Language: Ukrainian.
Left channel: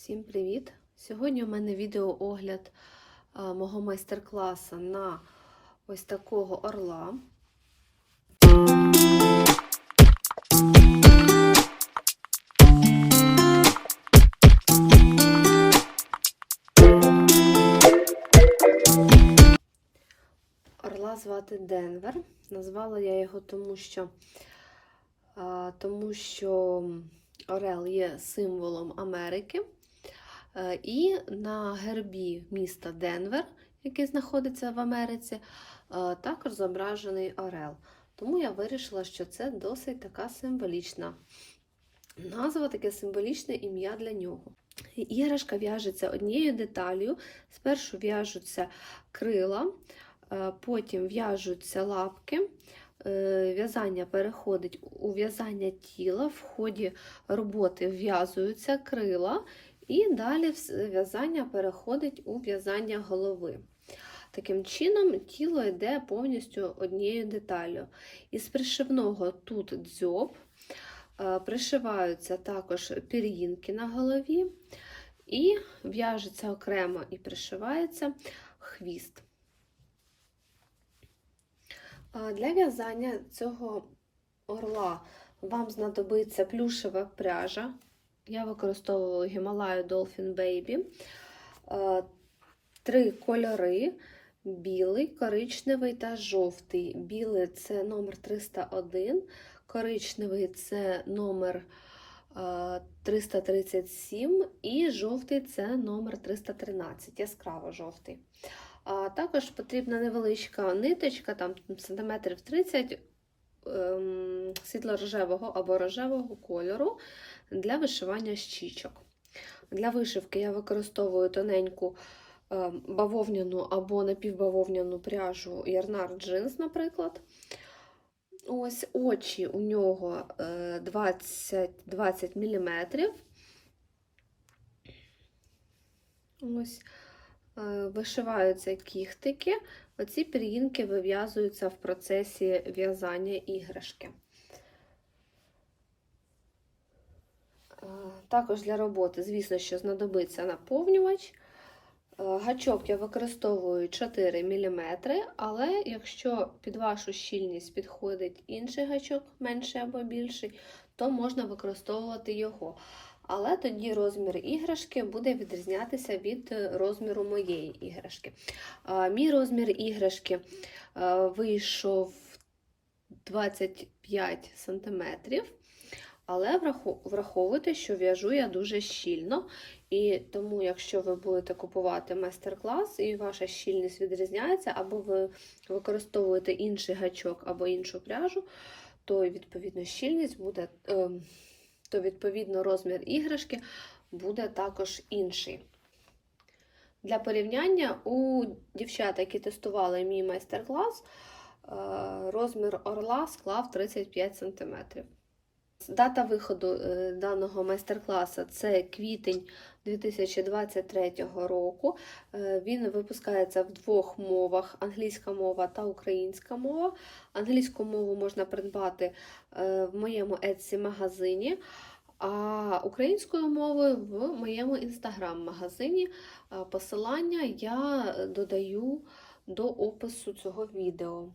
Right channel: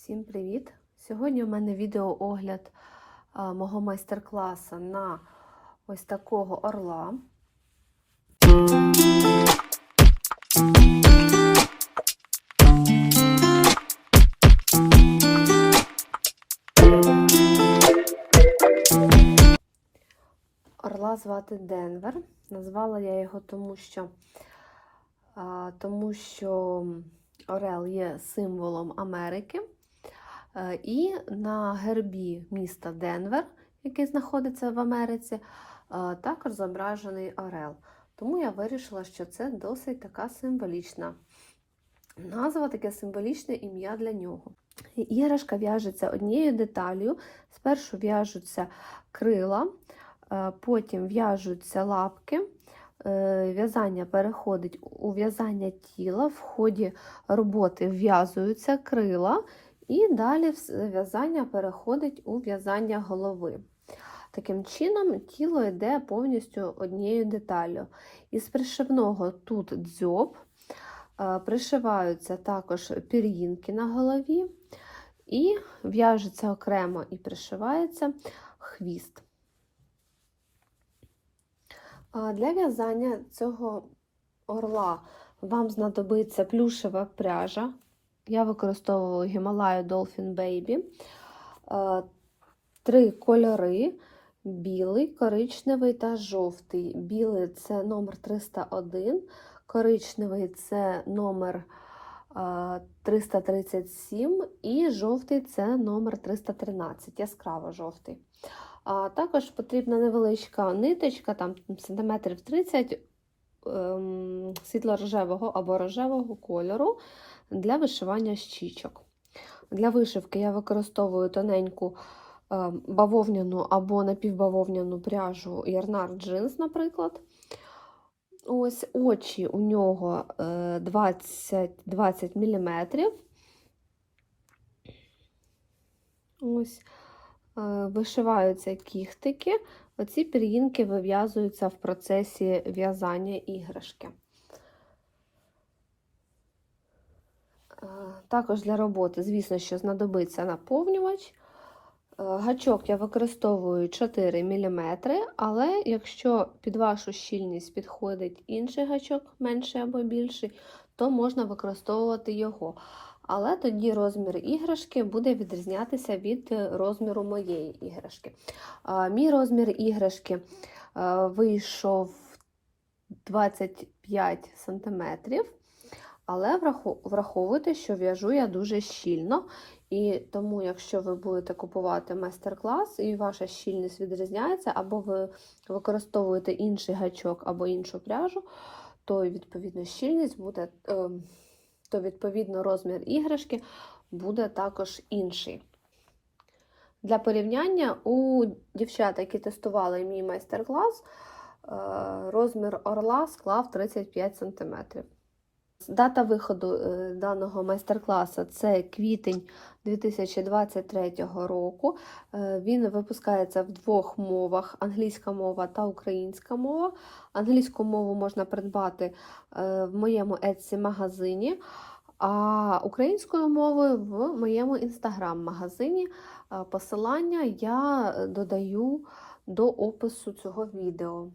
Всім привіт! Сьогодні у мене відеоогляд мого майстер-класу на ось такого орла. Орла звати Денвер. Назвала я його тому, що, тому що Орел є символом Америки. Е, І на гербі міста Денвер, який знаходиться в Америці, е, також зображений Орел. Тому я вирішила, що це досить така символічна назва, таке символічне ім'я для нього. Іграшка в'яжеться однією деталью. Спершу в'яжуться крила, е, потім в'яжуться лапки. В'язання переходить у в'язання тіла, в ході роботи в'язуються крила, і далі в'язання переходить у в'язання голови. Таким чином, тіло йде повністю однією деталлю. Із пришивного тут дзьоб, е, пришиваються також пір'їнки на голові, і в'яжеться окремо і пришивається хвіст. Для в'язання цього орла вам знадобиться плюшева пряжа. Я використовувала Himalaya Dolphin Baby. Е, Три кольори: білий, коричневий та жовтий. Білий це номер 301, коричневий це номер е, 337 і жовтий це номер 313, яскраво жовтий. А також потрібна невеличка ниточка, там сантиметрів 30 ем, світло-рожевого або рожевого кольору для вишивання щічок. Для вишивки я використовую тоненьку ем, бавовняну або напівбавовняну пряжу Ярнар Джинс, наприклад. Ось очі у нього е, 20, 20 мм. Ось е, вишиваються кіхтики. Оці пір'їнки вив'язуються в процесі в'язання іграшки. Також для роботи, звісно, що знадобиться наповнювач. Е, Гачок я використовую 4 мм, але якщо під вашу щільність підходить інший гачок, менший або більший, то можна використовувати його. Але тоді розмір іграшки буде відрізнятися від е, розміру моєї іграшки. Мій розмір іграшки е, вийшов 25 см, але враховуйте, що в'яжу я дуже щільно. І тому, якщо ви будете купувати майстер-клас і ваша щільність відрізняється, або ви використовуєте інший гачок або іншу пряжу, то відповідно щільність буде, ем, то відповідно розмір іграшки буде також інший. Для порівняння у дівчат, які тестували мій майстер-клас, е, розмір орла склав 35 см. Дата виходу е, даного майстер-класу це квітень 2023 року. Е, Він випускається в двох мовах: англійська мова та українська мова. Англійську мову можна придбати е, в моєму Etsy магазині, а українською мовою в моєму інстаграм-магазині. Посилання я додаю до опису цього відео.